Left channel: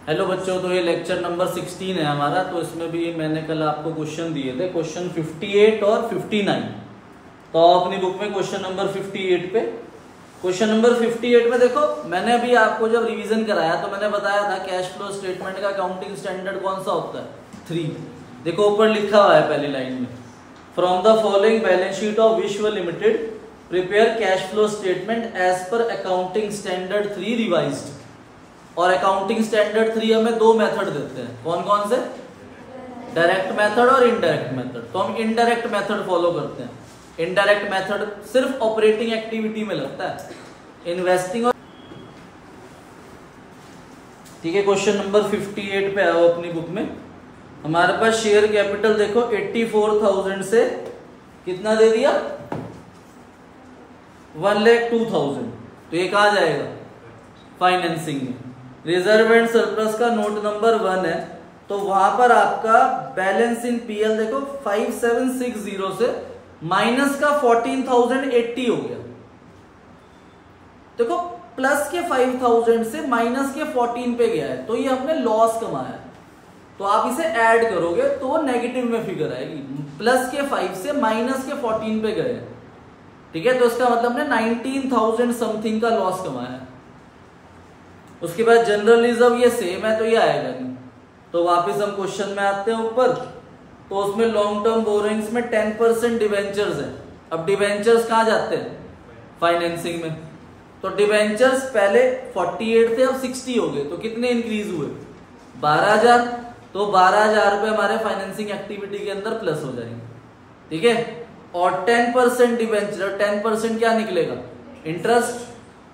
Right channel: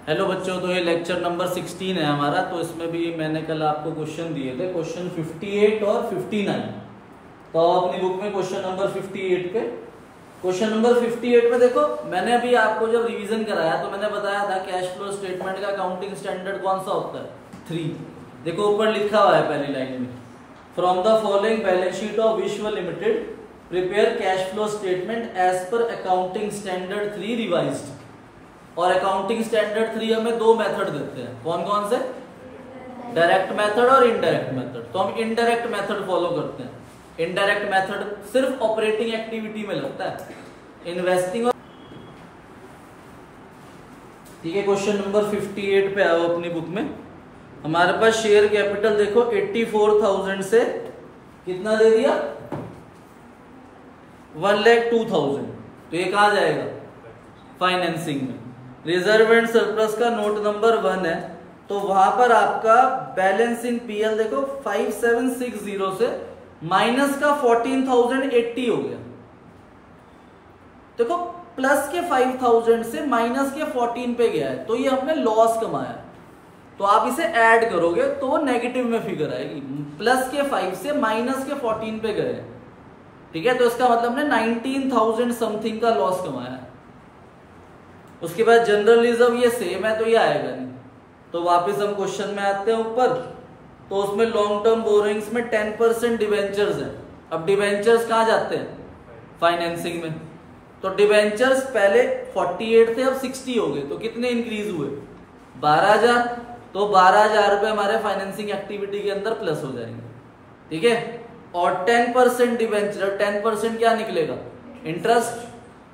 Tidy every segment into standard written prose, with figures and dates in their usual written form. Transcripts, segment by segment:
Hello बच्चों, तो ये लेक्चर नंबर 16 है हमारा। तो इसमें भी मैंने कल आपको क्वेश्चन दिए थे, क्वेश्चन 58 और 59। तो अपनी बुक में क्वेश्चन नंबर 58 पे, क्वेश्चन नंबर 58 में देखो, मैंने अभी आपको जब रिवीजन कराया तो मैंने बताया था कैश फ्लो स्टेटमेंट का अकाउंटिंग स्टैंडर्ड कौन सा होता है, 3। देखो ऊपर लिखा हुआ है पहली लाइन में, from the following balance sheet of Vishwa limited prepare cash flow statement as per accounting standard 3 revised. और अकाउंटिंग स्टैंडर्ड 3 हमें दो मेथड देते हैं, कौन कौन से, डायरेक्ट मेथड और इनडायरेक्ट मेथड। तो हम इनडायरेक्ट मेथड फॉलो करते हैं। इनडायरेक्ट मेथड सिर्फ ऑपरेटिंग एक्टिविटी में लगता है, इन्वेस्टिंग और ठीक है। क्वेश्चन नंबर 58 पे आओ अपनी बुक में। हमारे पास शेयर कैपिटल देखो 84,000 से कितना दे दिया, 1,02,000। तो ये कहा जाएगा फाइनेंसिंग में। रिजर्व एंड सरप्लस का नोट नंबर 1 है, तो वहां पर आपका बैलेंस इन पीएल देखो 5760 से माइनस का 14,080 हो गया। देखो प्लस के 5,000 से माइनस के 14 पे गया है, तो ये आपने लॉस कमाया है। तो आप इसे ऐड करोगे तो वो नेगेटिव में फिगर आएगी। प्लस के 5 से माइनस के 14 पे गए, ठीक है। तो इसका मतलब ने 19,000 समथिंग का लॉस कमाया है। उसके बाद जनरल रिजर्व ये सेम है, तो ये आएगा नहीं। तो वापस हम क्वेश्चन में आते हैं ऊपर। तो उसमें लॉन्ग टर्म बोरोइंग्स में 10% डिवेंचर्स है। अब डिवेंचर्स कहाँ जाते हैं, फाइनेंसिंग में। तो डिवेंचर्स पहले 48 थे, अब 60 हो गए। तो कितने इंक्रीज हुए, 12,000। तो 12,000 रुपए हमारे फाइनेंसिंग एक्टिविटी के अंदर प्लस हो जाएंगे, ठीक है। और 10% डिवेंचर, 10% क्या निकलेगा, इंटरेस्ट।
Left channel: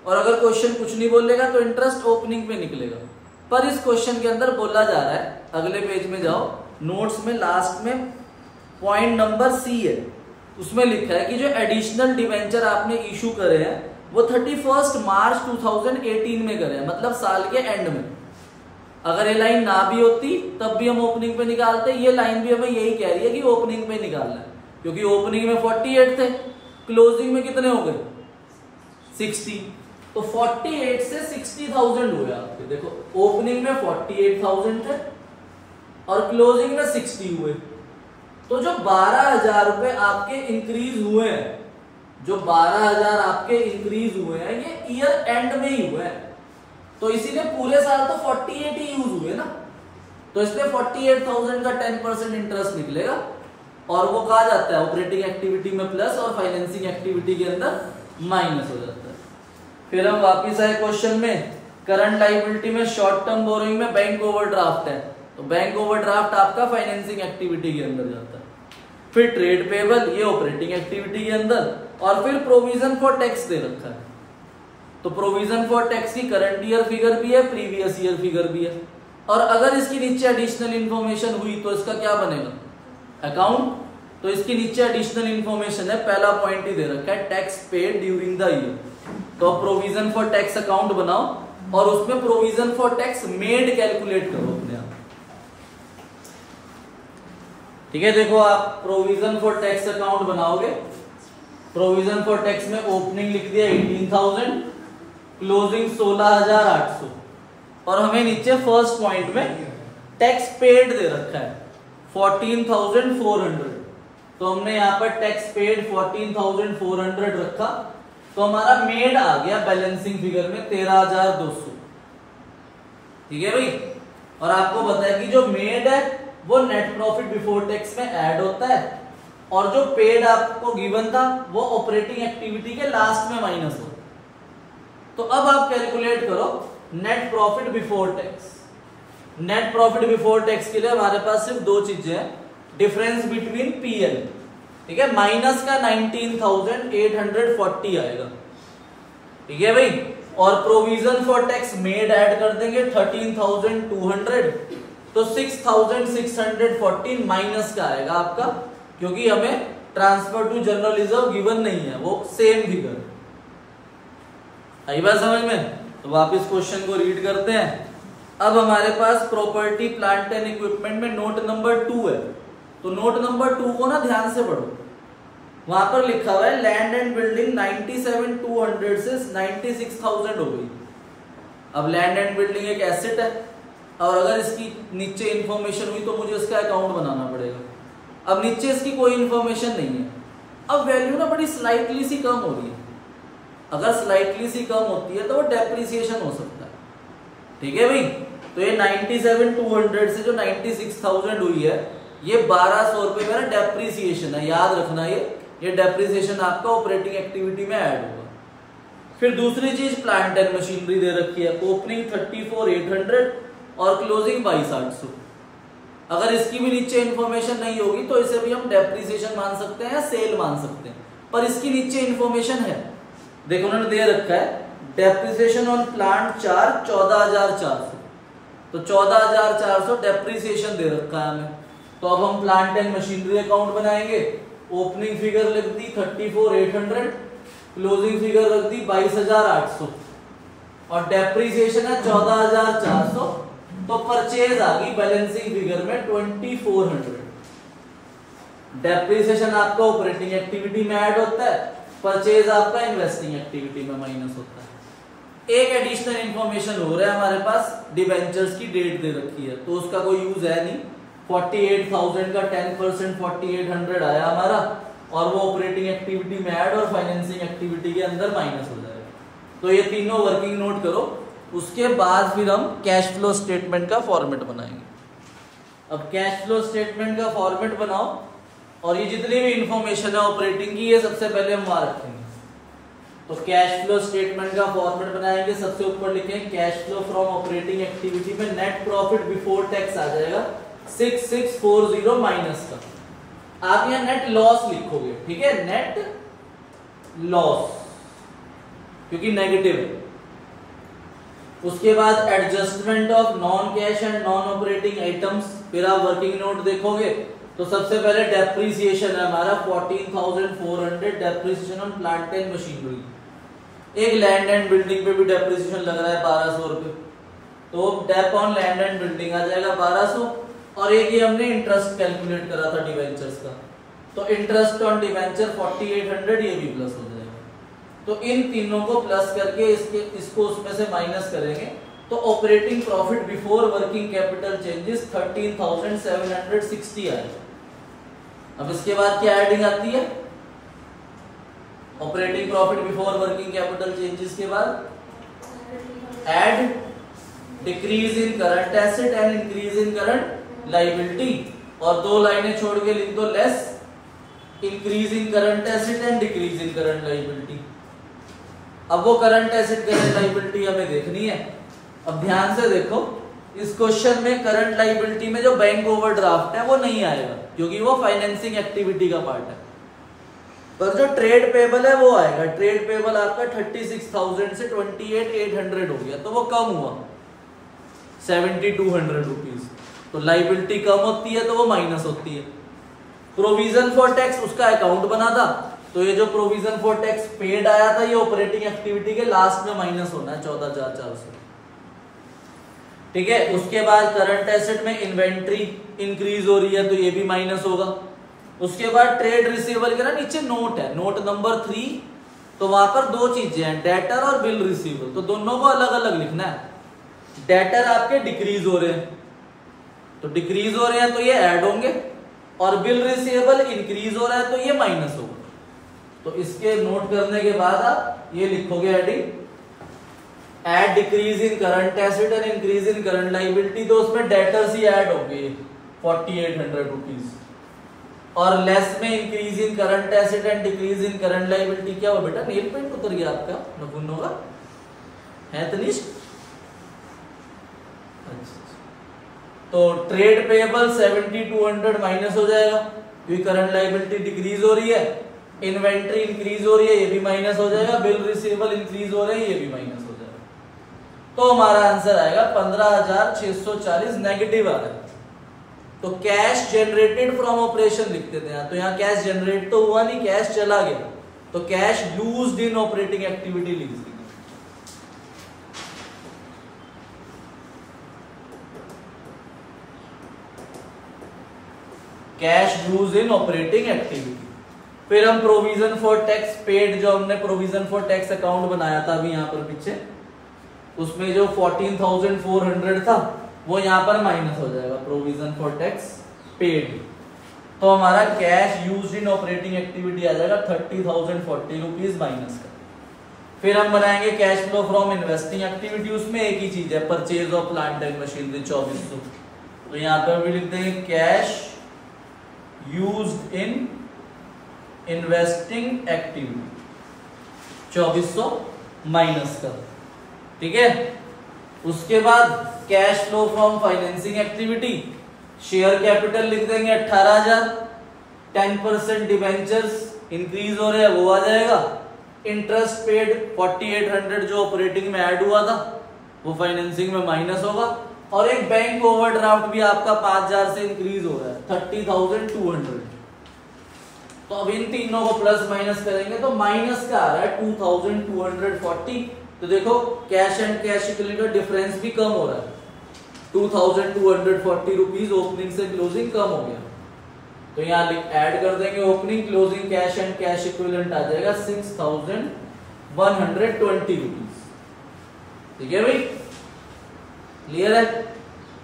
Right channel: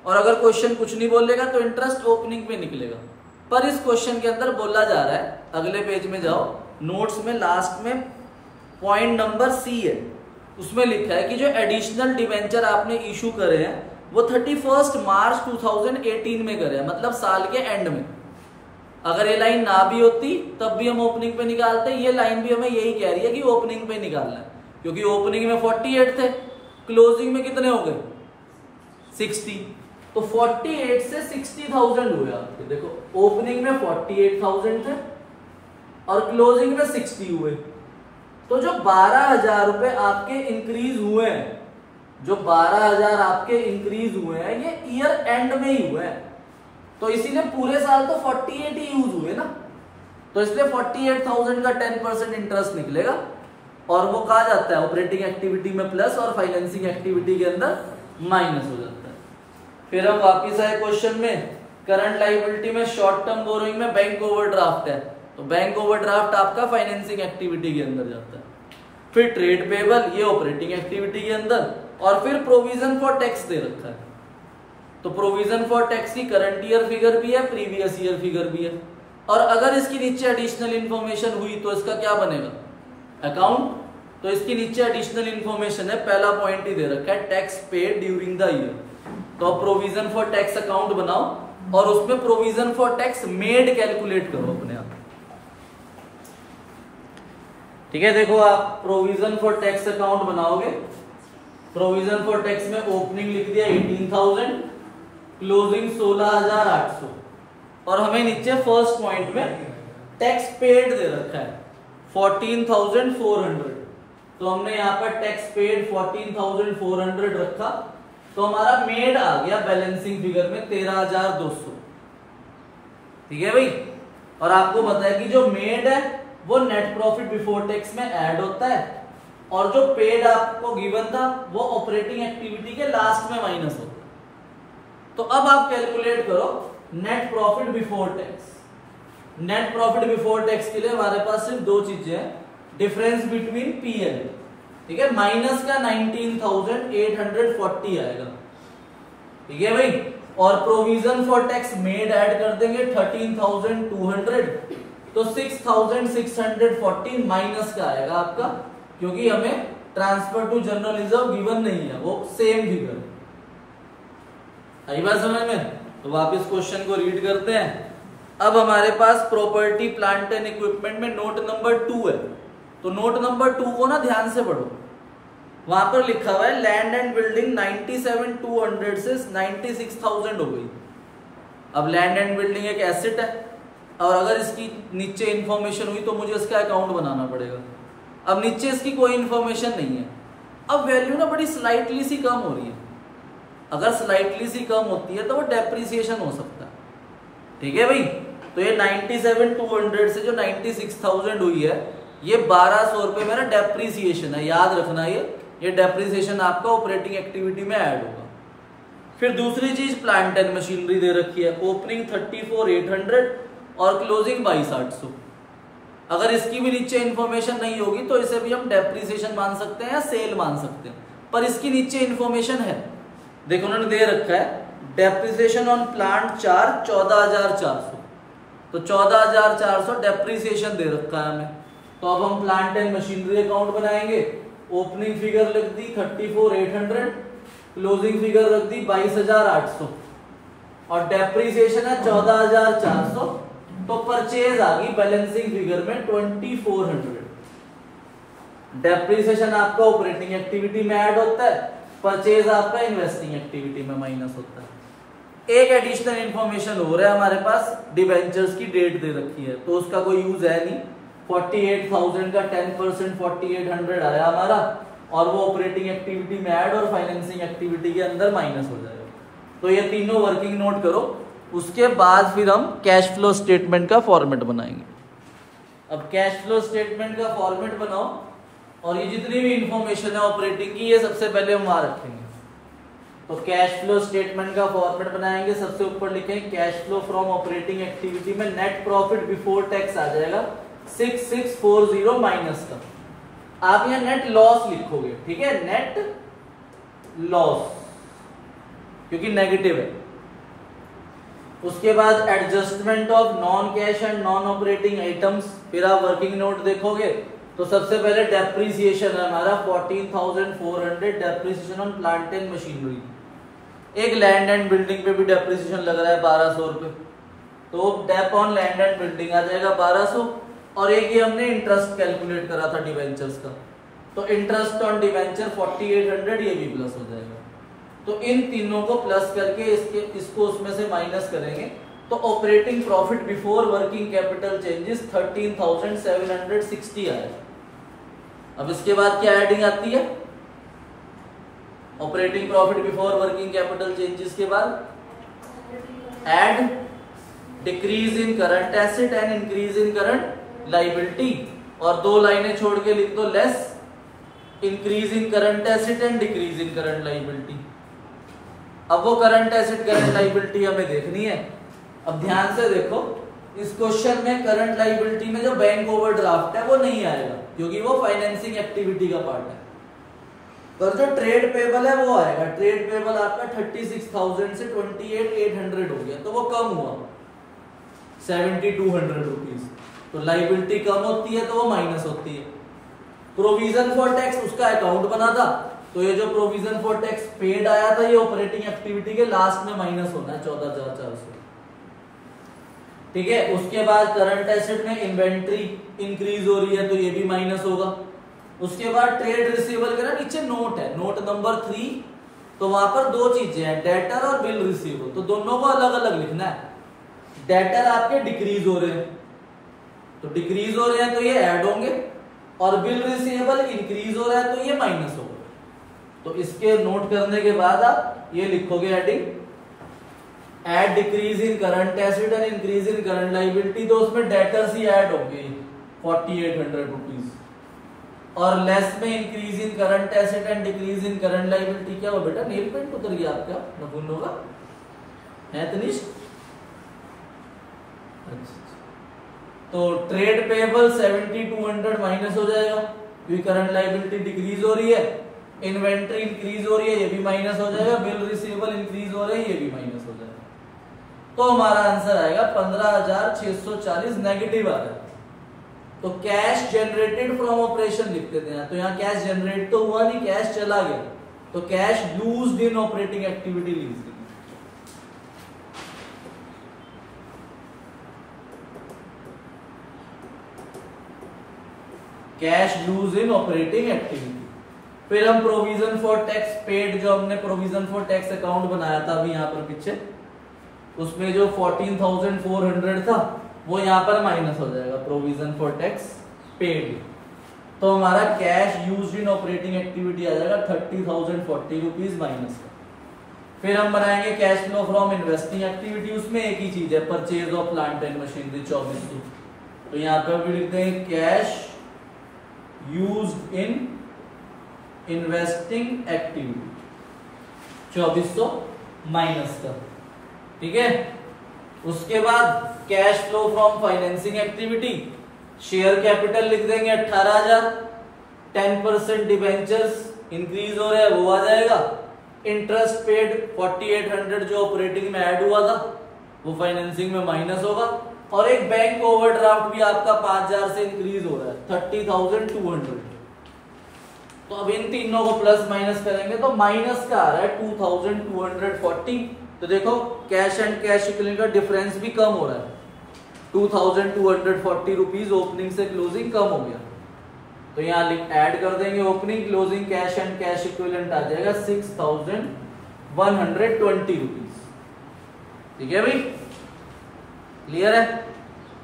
और अगर क्वेश्चन कुछ नहीं बोलेगा तो इंटरेस्ट ओपनिंग में निकलेगा। पर इस क्वेश्चन के अंदर बोला जा रहा है, अगले पेज में जाओ, नोट्स में लास्ट में पॉइंट नंबर सी है, उसमें लिखा है कि जो एडिशनल डिवेंचर आपने इशू करे हैं वो 31 मार्च 2018 में करे हैं, मतलब साल के एंड में। अगर ये लाइन ना भी होती तब भी हम ओपनिंग पे निकालते। ये लाइन भी हमें यही कह रही है कि ओपनिंग पे निकालना है, क्योंकि ओपनिंग में 48 थे, क्लोजिंग में कितने हो गए, 60। तो 48 से 60,000 हुए आपके। देखो ओपनिंग में 48,000 थे और क्लोजिंग में 60 हुए। तो जो 12,000 रुपए आपके इंक्रीज हुए हैं, जो 12,000 आपके इंक्रीज हुए हैं, ये ईयर एंड में ही हुए हैं। तो इसीलिए पूरे साल तो 48 ही यूज हुए ना। तो इसलिए 48,000 का 10% इंटरेस्ट निकलेगा और वो कहा जाता है ऑपरेटिंग एक्टिविटी में प्लस और फाइनेंसिंग एक्टिविटी के अंदर माइनस हो जाता है। फिर हम वापिस आए क्वेश्चन में, करंट लायबिलिटी में शॉर्ट टर्म बोरोइंग में बैंक ओवरड्राफ्ट है, तो बैंक ओवरड्राफ्ट आपका फाइनेंसिंग एक्टिविटी के अंदर जाता है। फिर ट्रेड पेबल, ये ऑपरेटिंग एक्टिविटी के अंदर। और फिर प्रोविजन फॉर टैक्स दे रखा है, तो प्रोविजन फॉर टैक्स की करंट ईयर फिगर भी है, प्रीवियस ईयर फिगर भी है। और अगर इसके नीचे एडिशनल इंफॉर्मेशन हुई तो इसका क्या बनेगा, अकाउंट। तो इसके नीचे एडिशनल इंफॉर्मेशन है, पहला पॉइंट ही दे रखा है, tax paid during the year. तो प्रोविजन फॉर टैक्स अकाउंट बनाओ और उसमें provision for tax made calculate करो अपने आप, ठीक है। देखो आप प्रोविजन फॉर टैक्स अकाउंट बनाओगे, प्रोविजन फॉर टैक्स में ओपनिंग लिख दिया 18,000, क्लोजिंग 16,800। और हमें नीचे फर्स्ट पॉइंट में टैक्स पेड दे रखा है 14,400। तो हमने यहां पर टैक्स पेड 14,400 रखा। तो हमारा मेड आ गया बैलेंसिंग फिगर में 13,200, ठीक है भाई। और आपको पता है कि जो मेड है वो नेट प्रॉफिट बिफोर टैक्स में ऐड होता है, और जो पेड आपको गिवन था वो ऑपरेटिंग एक्टिविटी के लास्ट में माइनस होता है। तो अब आप कैलकुलेट करो net profit before tax. Net profit before tax के लिए हमारे पास सिर्फ दो चीजें हैं, डिफरेंस बिटवीन पीएल, ठीक है, माइनस का 19,840 आएगा, ठीक है भाई। और provision for tax made add कर देंगे 13,200, तो 6,640 माइनस का आएगा आपका, क्योंकि हमें transfer to general reserve given नहीं है, वो सेम फिगर। आई बात समझ में। तो वापस क्वेश्चन को रीड करते हैं। अब हमारे पास प्रॉपर्टी प्लांट एंड इक्विपमेंट में नोट नंबर 2 है। तो नोट नंबर 2 को ना ध्यान से पढ़ो, वहां पर लिखा हुआ है लैंड एंड बिल्डिंग 97,200 से 96,000 हो गई। अब लैंड एंड बिल्डिंग एक एसेट है, और अगर इसकी नीचे इंफॉर्मेशन हुई तो मुझे इसका अकाउंट बनाना पड़ेगा। अब नीचे इसकी कोई इंफॉर्मेशन नहीं है। अब वैल्यू ना बड़ी स्लाइटली सी कम हो रही है। अगर स्लाइटली सी कम होती है तो वो डेप्रिसिएशन हो सकता है। ठीक है भाई, तो ये 97,200 से जो 96,000 हुई है, ये 1,200 रुपए मेरा डेप्रिसिएशन है। याद रखना, ये डेप्रिसिएशन आपका ऑपरेटिंग एक्टिविटी में ऐड होगा। फिर दूसरी चीज प्लांट एंड मशीनरी दे रखी है, ओपनिंग 34,800 और क्लोजिंग 22,800। अगर इसकी भी नीचे इंफॉर्मेशन नहीं होगी तो इसे भी हम डेप्रिसिएशन मान सकते हैं या सेल मान सकते हैं, पर इसकी नीचे इंफॉर्मेशन है। देखो उन्होंने दे रखा है डेप्रिसिएशन ऑन प्लांट चार्ज 14,400, तो 14,400 डेप्रिसिएशन दे रखा है हमें। तो अब हम प्लांट एंड मशीनरी अकाउंट बनाएंगे। ओपनिंग फिगर लिख दी 34,800, क्लोजिंग फिगर रख दी 22,800 और डेप्रिसिएशन है 14,400। तो परचेज आ गई बैलेंसिंग फिगर में 2,400। डेप्रिसिएशन आपका ऑपरेटिंग एक्टिविटी में ऐड होता है, परचेज आपका इन्वेस्टिंग एक्टिविटी में माइनस होता है। एक एडिशनल इंफॉर्मेशन हो रहा है हमारे पास, डिबेंचर्स की डेट दे रखी है तो उसका कोई यूज है नहीं। 48,000 का 10% 4,800 आया हमारा और वो ऑपरेटिंग एक्टिविटी में ऐड और फाइनेंसिंग एक्टिविटी के अंदर माइनस हो जाएगा। तो ये तीनों वर्किंग नोट करो। उसके बाद फिर हम कैश फ्लो स्टेटमेंट का फॉर्मेट बनाएंगे। अब कैश फ्लो स्टेटमेंट का फॉर्मेट बनाओ और ये जितनी भी इंफॉर्मेशन है ऑपरेटिंग की, ये सबसे पहले हम वहां रखेंगे। तो कैश फ्लो स्टेटमेंट का फॉर्मेट बनाएंगे। सबसे ऊपर लिखेंगे cash flow from operating activity में नेट प्रॉफिट बिफोर टैक्स आ जाएगा 6640 माइनस का। आप यहाँ नेट लॉस लिखोगे, ठीक है, नेट लॉस क्योंकि नेगेटिव है। उसके बाद adjustment of non cash and non operating items, फिर आप वर्किंग नोट देखोगे तो सबसे पहले डेप्रिसिएशन है हमारा 14,400 depreciation on plant and machinery. एक लैंड एंड बिल्डिंग पे भी डेप्रिसिएशन लग रहा है 1,200 रुपए, तो dep on land and building आ जाएगा 1,200। और एक ये हमने इंटरेस्ट कैलकुलेट करा था डिवेंचर्स का, तो इंटरेस्ट ऑन डिवेंचर 4,800, ये भी प्लस हो जाएगा। तो इन तीनों को प्लस करके इसको उसमें से माइनस करेंगे तो operating profit before working capital changes 13,760 आएगा। अब इसके बाद क्या एडिंग आती है, operating profit before working capital changes के बाद add decrease in current asset and increase in current liability, और दो लाइनें छोड़ के लिख दो less increase in current asset and decrease in current liability. अब वो करंट एसेट करंट लायबिलिटी हमें देखनी है। अब ध्यान से देखो, इस क्वेश्चन में करंट लायबिलिटी में जो बैंक ओवरड्राफ्ट है वो नहीं आएगा क्योंकि वो फाइनेंसिंग एक्टिविटी का पार्ट है, पर जो ट्रेड पेबल है वो आएगा। ट्रेड पेबल आपका 36,000 से 28,800 हो गया, तो वो कम हुआ 7,200 रुपीज। तो लायबिलिटी कम होती है तो वो माइनस होती है। प्रोविजन फॉर टैक्स उसका अकाउंट बना था, तो ये जो प्रोविजन फॉर टैक्स पेड आया था ये ऑपरेटिंग एक्टिविटी के लास्ट में माइनस होना है 14,400, ठीक है। उसके बाद करंट एसेट में इन्वेंट्री इंक्रीज हो रही है तो ये भी माइनस होगा। उसके बाद ट्रेड रिसीवेबल का नीचे नोट है, नोट नंबर 3, तो वहां पर दो चीजें हैं, डेटर और बिल रिसीवेबल, तो दोनों को अलग अलग लिखना है। डेटर आपके डिक्रीज हो रहे हैं तो डिक्रीज हो रहे हैं तो ये ऐड होंगे, और बिल रिसीवेबल इंक्रीज हो रहा है तो ये माइनस होगा। तो इसके नोट करने के बाद आप ये लिखोगे adding add decrease in current asset and increase in current liability, तो उसमें डेटर्स ही ऐड होंगे 4,800 रुपीज, और लेस में increase in current asset and decrease in current liability. क्या हुआ बेटा, नेल पेंट उतर गया आपका, नपुन होगा है तनिष। तो ट्रेड पेबल 7,200 माइनस हो जाएगा क्योंकि करंट लायबिलिटी डिक्रीज हो रही है, इन्वेंट्री इंक्रीज हो रही है ये भी माइनस हो जाएगा, बिल रिसीवेबल इंक्रीज हो रहे हैं ये भी माइनस हो जाएगा। तो हमारा आंसर आएगा 15,640 नेगेटिव आ रहा है। तो कैश जनरेटेड फ्रॉम ऑपरेशन लिख देते हैं, तो यहाँ कैश जनरेट तो हुआ नहीं, कैश चला गया, तो cash used in operating activity लिख दी। Cash use in operating activity. फिर हम प्रोविजन फॉर टैक्स पेड, जो हमने प्रोविजन फॉर टैक्स अकाउंट बनाया था अभी यहाँ पर पीछे, उसमें जो 14,400 था वो यहाँ पर माइनस हो जाएगा, प्रोविजन फॉर टैक्स पेड। तो हमारा cash used in operating activity आ जाएगा 30,040 रुपीज माइनस का। फिर हम बनाएंगे cash flow from investing activity, उसमें एक ही चीज है, purchase of plant and machinery 2400। तो यहाँ पर भी लिखते हैं cash used in investing activity 2400 minus का, ठीक है। उसके बाद cash flow from financing activity, share capital लिख देंगे 18,000, 10% डिबेंचर्स इंक्रीज हो रहे हैं वो आ जाएगा, इंटरेस्ट पेड 4800 जो ऑपरेटिंग में ऐड हुआ था वो फाइनेंसिंग में माइनस होगा, और एक बैंक ओवरड्राफ्ट भी आपका 5,000 से इंक्रीज हो रहा है 30,200। तो अब इन तीनों को प्लस माइनस करेंगे तो माइनस का आ रहा है 2,240। तो देखो कैश एंड कैश इक्विवेलेंट का डिफरेंस भी कम हो रहा है, 2,240 रुपीज ओपनिंग से क्लोजिंग कम हो गया। तो यहाँ ऐड कर देंगे opening closing cash and cash equivalent आ जाएगा 6,120 रुपीज, ठीक है भाई, क्लियर है।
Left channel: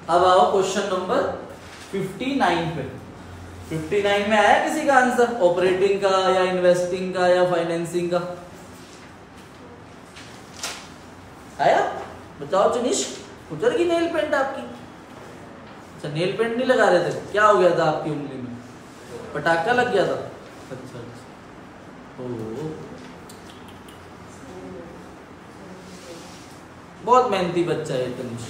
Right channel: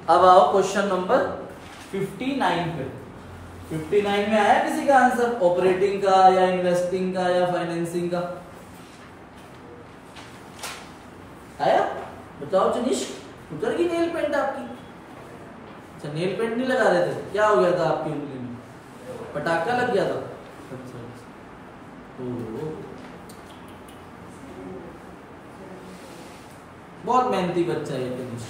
अब आओ क्वेश्चन नंबर 59 पे। 59 में आया किसी का आंसर ऑपरेटिंग का या इन्वेस्टिंग का या फाइनेंसिंग का? आया? बताओ जनीश, उतर गई नेल पेंट आपकी? अच्छा, नेल पेंट नहीं लगा रहे थे, क्या हो गया था आपकी उंगली में? पटाखा लग गया था? अच्छा, बहुत मेहनती बच्चा है तनिष।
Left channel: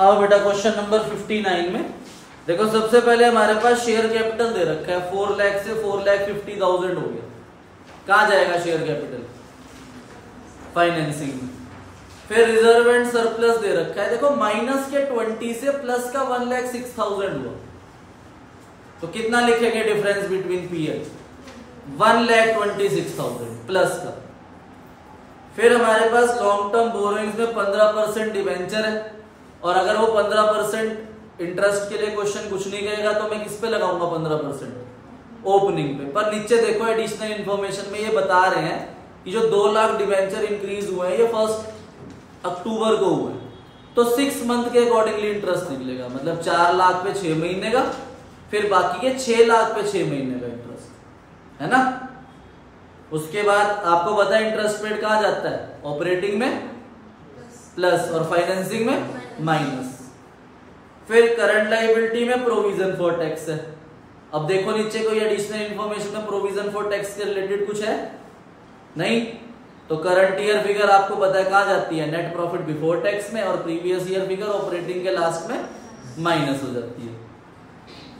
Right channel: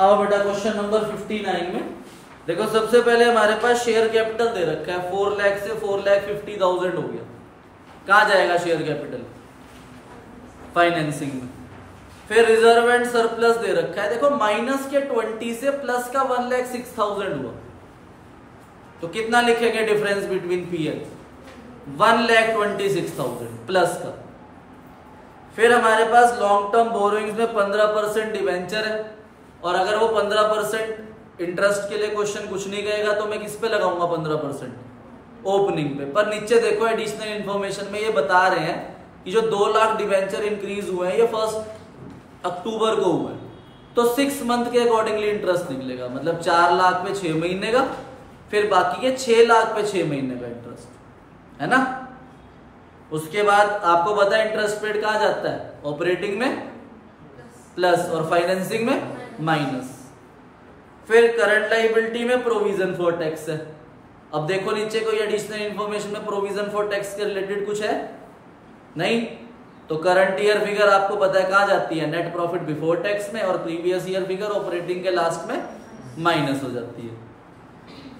अब बेटा क्वेश्चन नंबर 59 में देखो, सबसे पहले हमारे पास शेयर कैपिटल दे रखा है 4 लाख से 4,50,000 हो गया। कहां जाएगा शेयर कैपिटल? फाइनेंसिंग में। फिर रिजर्व एंड सरप्लस दे रखा है, देखो माइनस के 20 से प्लस का 1,06,000 हुआ, तो कितना लिखेंगे डिफरेंस बिटवीन पीएल? 1,26,000 प्लस का। फिर हमारे पास लॉन्ग टर्म बोरोइंग्स में 15% डिवेंचर है, और अगर वो 15% इंटरेस्ट के लिए क्वेश्चन कुछ नहीं कहेगा तो मैं किस पे लगाऊंगा 15%? ओपनिंग पे। पर नीचे देखो एडिशनल इंफॉर्मेशन में ये बता रहे हैं कि जो 2 लाख डिवेंचर इंक्रीज हुए हैं ये 1 अक्टूबर को हुए, तो 6 मंथ के अकॉर्डिंगली इंटरेस्ट निकलेगा, मतलब 4 लाख पे 6 महीने का, फिर बाकी के 6 लाख पे 6 महीने का इंटरेस्ट, है ना। उसके बाद आपको पता है इंटरेस्ट पेड कहां जाता है? ऑपरेटिंग में प्लस और फाइनेंसिंग में माइनस। फिर करंट लायबिलिटी में प्रोविजन फॉर टैक्स है। अब देखो नीचे कोई एडिशनल इंफॉर्मेशन में प्रोविजन फॉर टैक्स के रिलेटेड कुछ है? नहीं। तो करंट ईयर फिगर आपको पता है कहां जाती है? नेट प्रॉफिट बिफोर टैक्स में, और प्रीवियस ईयर फिगर ऑपरेटिंग के लास्ट में माइनस हो जाती है।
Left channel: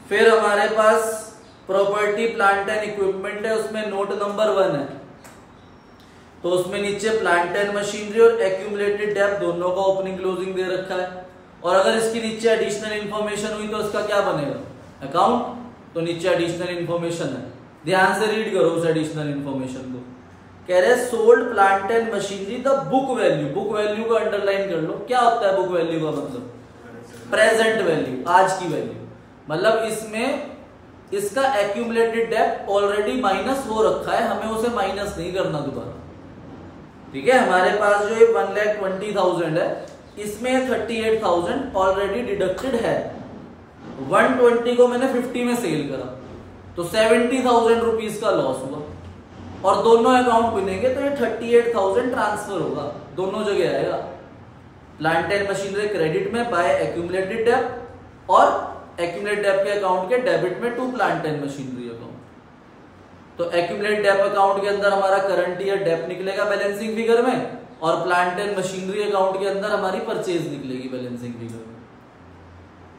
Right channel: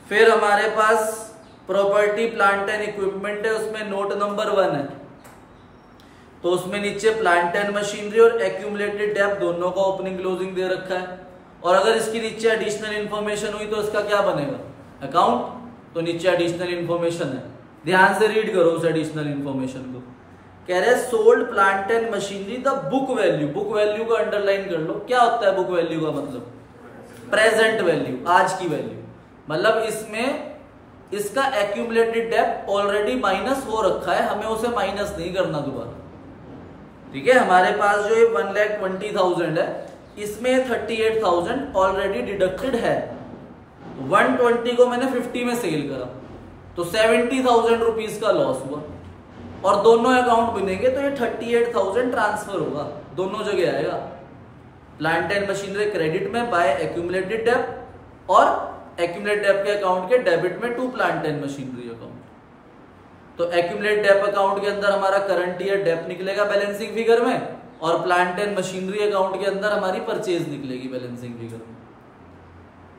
फिर हमारे पास प्रॉपर्टी प्लांट एंड इक्विपमेंट है, उसमें नोट नंबर 1 है, तो उसमें नीचे प्लांट एंड मशीनरी और एक्यूमुलेटेड डेब्ट दोनों का ओपनिंग क्लोजिंग दे रखा है। और अगर इसकी नीचे एडिशनल इंफॉर्मेशन हुई तो इसका क्या बनेगा? अकाउंट। तो नीचे एडिशनल इंफॉर्मेशन है, ध्यान से रीड करो उस एडिशनल इंफॉर्मेशन को। कह रहे sold plant and machinery the book value, book value को अंडरलाइन कर लो। क्या होता है बुक वैल्यू का मतलब? प्रेजेंट वैल्यू, आज की वैल्यू। मतलब इसमें इसका एक्यूमुलेटेड डेब्ट ऑलरेडी माइनस हो रखा है, हमें उसे माइनस नहीं करना दोबारा, ठीक है। हमारे पास जो ये 1,20,000 है, इसमें 38,000 ऑलरेडी डिडक्टेड है। 120 को मैंने 50 में सेल करा, तो 70,000 रुपीज का लॉस हुआ, और दोनों अकाउंट बनेंगे तो ये 38,000 ट्रांसफर होगा, दोनों जगह आएगा। प्लांट एंड मशीनरी क्रेडिट में बाय एक्यूमुलेटेड डेब्ट, और एक्यूमुलेटेड डेब्ट के अकाउंट के डेबिट में to plant and machinery account. तो एक्यूमुलेटेड डेब्ट अकाउंट के अंदर हमारा करंट ईयर डेब्ट निकलेगा बैलेंसिंग फिगर में, और प्लांट एंड मशीनरी अकाउंट के अंदर हमारी परचेज निकलेगी बैलेंसिंग फिगर में।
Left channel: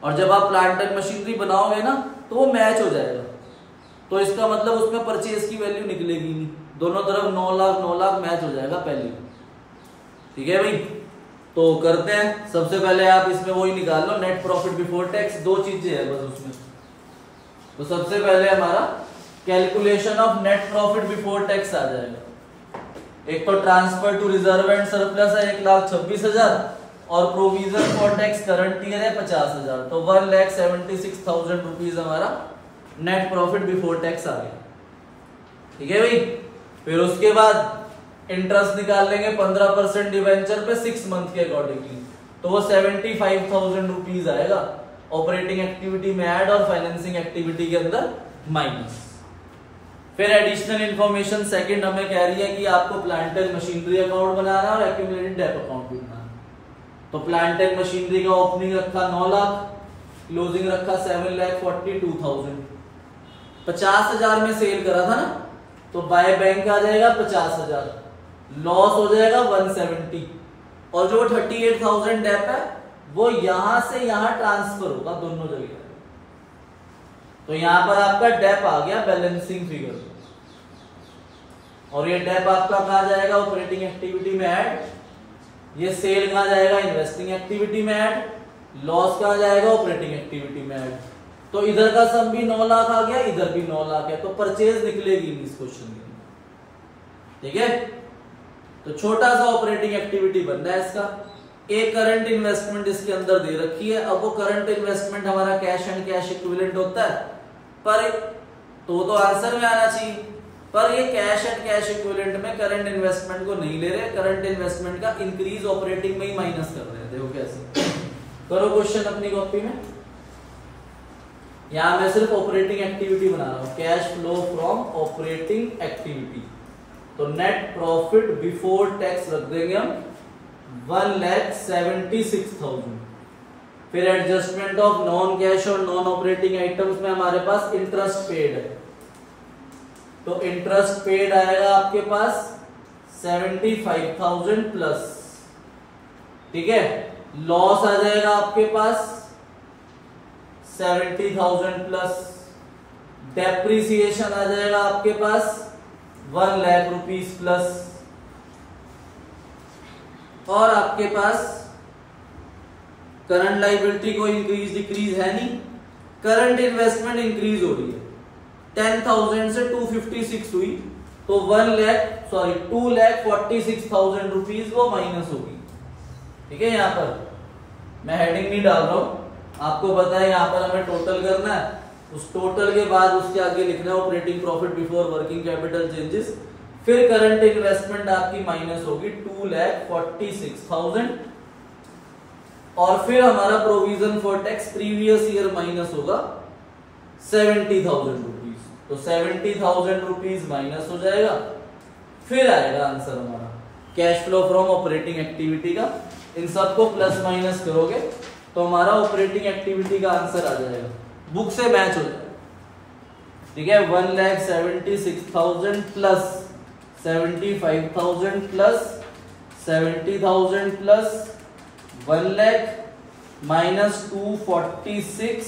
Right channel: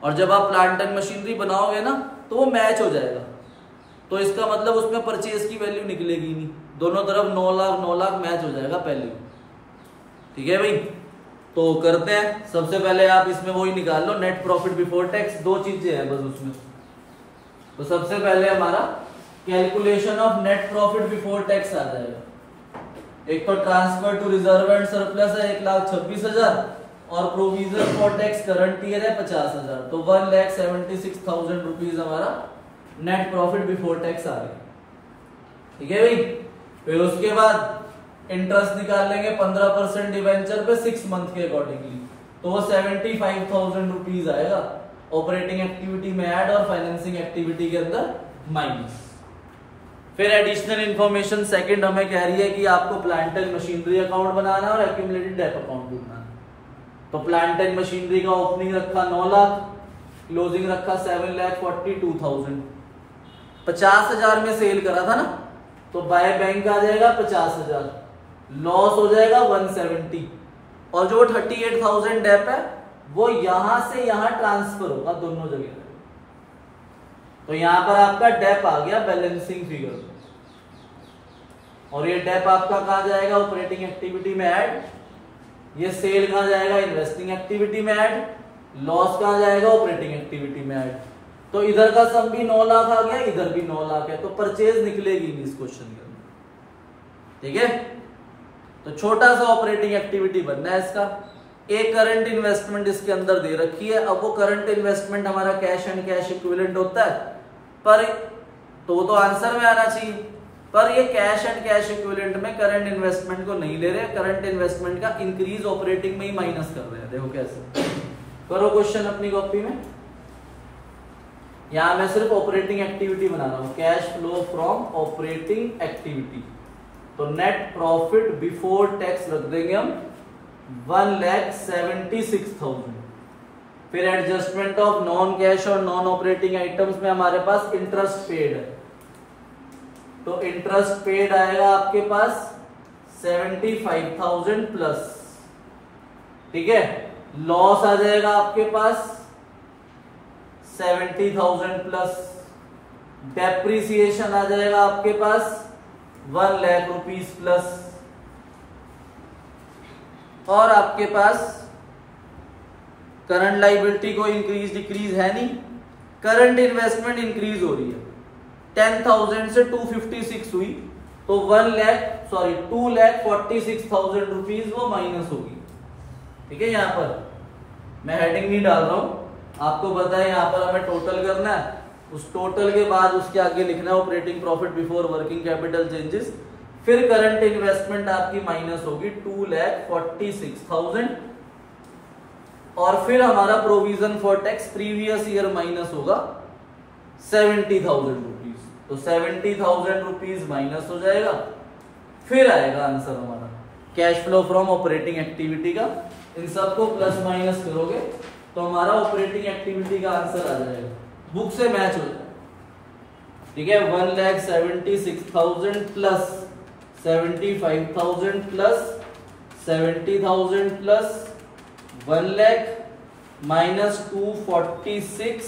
और जब आप प्लांट एंड मशीनरी बनाओगे ना तो वो मैच हो जाएगा, तो इसका मतलब उसमें परचेज की वैल्यू निकलेगी नहीं, दोनों तरफ 9 लाख 9 लाख मैच हो जाएगा पहले, ठीक है भाई। तो करते हैं, सबसे पहले आप इसमें वही निकाल लो, नेट प्रॉफिट बिफोर टैक्स। 2 चीजें हैं बस उसमें। तो सबसे पहले हमारा calculation of net profit before tax आ जाएगा। एक तो transfer to reserve and surplus है 1,26,000, और provision for tax current year है 50,000, तो 1,76,000 रुपीज हमारा नेट प्रॉफिट बिफोर टैक्स आ गया, ठीक है भाई। फिर उसके बाद इंटरेस्ट निकाल लेंगे 15% डिवेंचर पे 6 मंथ के अकॉर्डिंगली, तो वो 75,000 रुपीज आएगा ऑपरेटिंग एक्टिविटी में ऐड और फाइनेंसिंग एक्टिविटी के अंदर माइनस। फिर एडिशनल इंफॉर्मेशन सेकंड हमें कह रही है कि आपको प्लांट एंड मशीनरी अकाउंट बनाना है और एक्यूमुलेटेड डेट अकाउंट भी बनाना है। तो प्लांट एंड मशीनरी का ओपनिंग रखा 9 लाख, क्लोजिंग रखा 7,42,000, 50,000 में सेल करा था ना, तो बाय बैंक आ जाएगा 50,000, लॉस हो जाएगा 170, और जो 38,000 डेप है वो यहां से यहां ट्रांसफर होगा दोनों जगह। तो यहां पर आपका डेप आ गया बैलेंसिंग फिगर, और ये डेप आपका कहां जाएगा ऑपरेटिंग एक्टिविटी में ऐड, ये सेल कहां जाएगा इन्वेस्टिंग एक्टिविटी में ऐड, लॉस कहां जाएगा ऑपरेटिंग एक्टिविटी में ऐड। तो इधर का सम भी 9 लाख आ गया, इधर भी 9 लाख है, तो परचेज निकलेगी नहीं इस क्वेश्चन के अंदर। ठीक है, तो छोटा सा ऑपरेटिंग एक्टिविटी बनना है इसका। एक करंट इन्वेस्टमेंट इसके अंदर दे रखी है, अब वो करंट इन्वेस्टमेंट हमारा कैश एंड कैश इक्विवेलेंट होता है, पर तो आंसर में आना चाहिए, पर ये कैश एंड कैश इक्विवेलेंट में करंट इन्वेस्टमेंट को नहीं ले रहे, करंट इन्वेस्टमेंट का इंक्रीज ऑपरेटिंग में ही माइनस कर रहे हैं। देखो कैसे, करो क्वेश्चन अपनी कॉपी में। यहां मैं सिर्फ ऑपरेटिंग एक्टिविटी बना रहा हूं, cash flow from operating activity. तो नेट प्रॉफिट बिफोर टैक्स रख देंगे हम 1,76,000। फिर एडजस्टमेंट ऑफ नॉन कैश और नॉन ऑपरेटिंग आइटम्स में हमारे पास इंटरेस्ट पेड है, तो इंटरेस्ट पेड आएगा आपके पास 75,000 प्लस। ठीक है, लॉस आ जाएगा आपके पास 70,000 प्लस, डेप्रिसिएशन आ जाएगा आपके पास 1 लाख रुपीस प्लस, और आपके पास करंट लायबिलिटी को इंक्रीज डिक्रीज है नहीं, करंट इन्वेस्टमेंट इंक्रीज हो रही है, 10,000 से 256 हुई, तो 2,46,000 रुपीज वो माइनस होगी। ठीक है, यहां पर मैं हेडिंग नहीं डाल रहा हूं, आपको पता है यहां पर हमें टोटल करना है, उस टोटल के बाद उसके आगे लिखना है operating profit before working capital changes, फिर करंट इन्वेस्टमेंट आपकी माइनस होगी 2,46,000, और फिर हमारा provision for tax previous year minus होगा 70,000 रुपीज, तो 70,000 रुपीज माइनस हो जाएगा। फिर आएगा आंसर हमारा cash flow from operating activity का, इन सबको प्लस माइनस करोगे तो हमारा ऑपरेटिंग एक्टिविटी का आंसर आ जाएगा, बुक से मैच हो जाएगा। ठीक है, 1,76,000 plus 75,000 plus 70,000 plus 1 lakh minus 246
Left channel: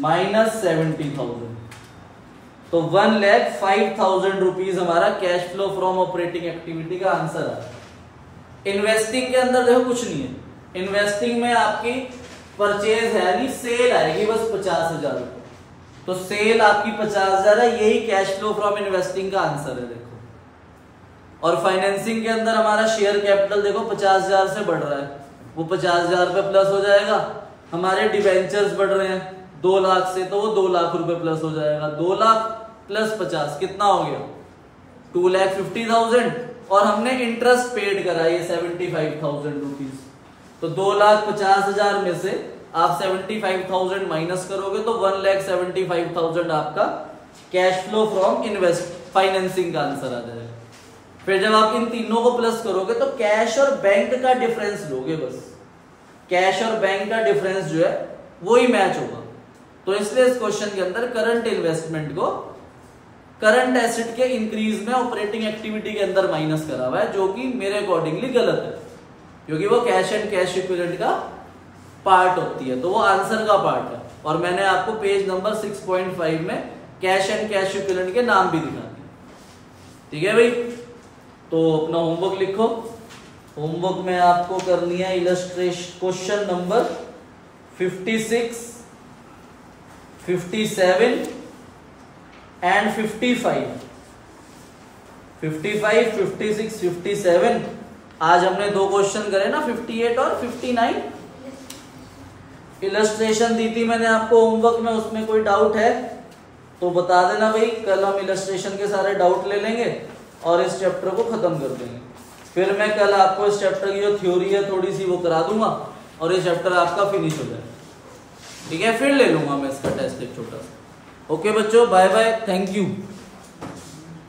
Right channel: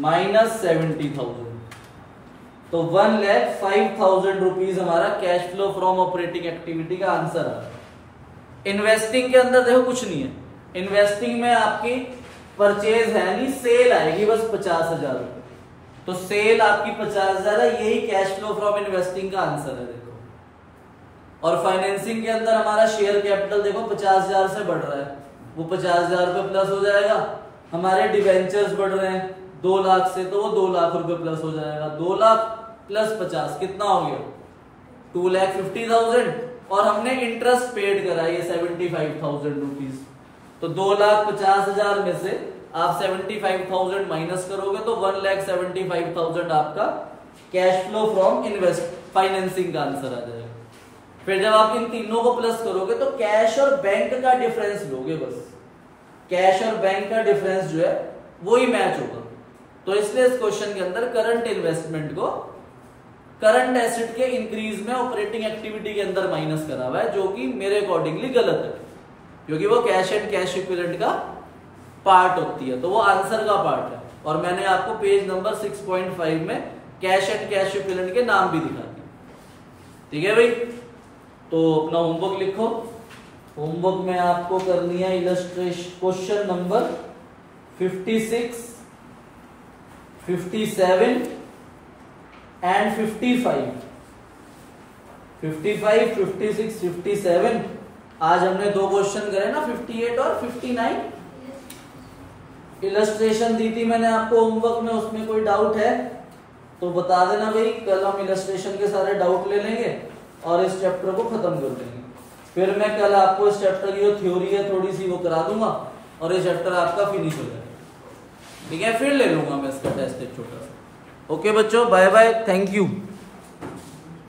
minus 70,000, तो 1,05,000 रुपीज हमारा cash flow from operating activity का आंसर है। इन्वेस्टिंग के अंदर देखो कुछ नहीं है, इन्वेस्टिंग में आपकी परचेज है नहीं, सेल आएगी बस 50,000 रुपए, तो सेल आपकी 50,000 है, यही कैश फ्लो फ्रॉम इन्वेस्टिंग का आंसर है। देखो, और फाइनेंसिंग के अंदर हमारा शेयर कैपिटल देखो 50,000 से बढ़ रहा है, वो 50,000 पे प्लस हो जाएगा, हमारे डिवेंचर्स बढ़ रहे हैं 2 लाख से, तो वो 2 लाख रुपए प्लस हो जाएगा, 2 लाख प्लस 50 कितना हो गया 2,50,000, और हमने इंटरेस्ट पेड करा ये 75,000 रुपीज, तो 2,50,000 में से आप 75,000 माइनस करोगे तो 1,75,000 आपका कैश फ्लो फ्रॉम फाइनेंसिंग का आंसर आ जाएगा। फिर जब आप इन तीनों को प्लस करोगे तो कैश और बैंक का डिफरेंस लोगे, बस कैश और बैंक का डिफरेंस जो है वो ही मैच होगा। तो इसलिए इस क्वेश्चन के अंदर करंट इन्वेस्टमेंट को करंट एसेट के इंक्रीज में ऑपरेटिंग एक्टिविटी के अंदर माइनस करा हुआ है, जो कि मेरे अकॉर्डिंगली गलत है, क्योंकि वो कैश एंड कैश इक्विवेलेंट का पार्ट होती है, तो वो आंसर का पार्ट है। और मैंने आपको पेज नंबर 6.5 में कैश एंड कैश इक्विवेलेंट के नाम भी दिखा दिए। ठीक है भाई, तो अपना होमवर्क लिखो। होमवर्क में आपको करनी है इलस्ट्रेशन क्वेश्चन नंबर 56, 57 एंड 55, 56, 57। आज हमने 2 क्वेश्चन करे ना, 58 और 59। इलस्ट्रेशन दी थी मैंने आपको होमवर्क में, उसमें कोई डाउट है तो बता देना भाई, कल हम इलस्ट्रेशन के सारे डाउट ले लेंगे और इस चैप्टर को खत्म कर देंगे। फिर मैं कल आपको इस चैप्टर की जो थ्योरी है थोड़ी सी वो करा दूंगा और ये चैप्टर आपका फिनिश हो जाएगा। ठीक है, फिर ले लूंगा मैं इसका टेस्ट एक छोटा सा। ओके बच्चों, बाय बाय, थैंक यू।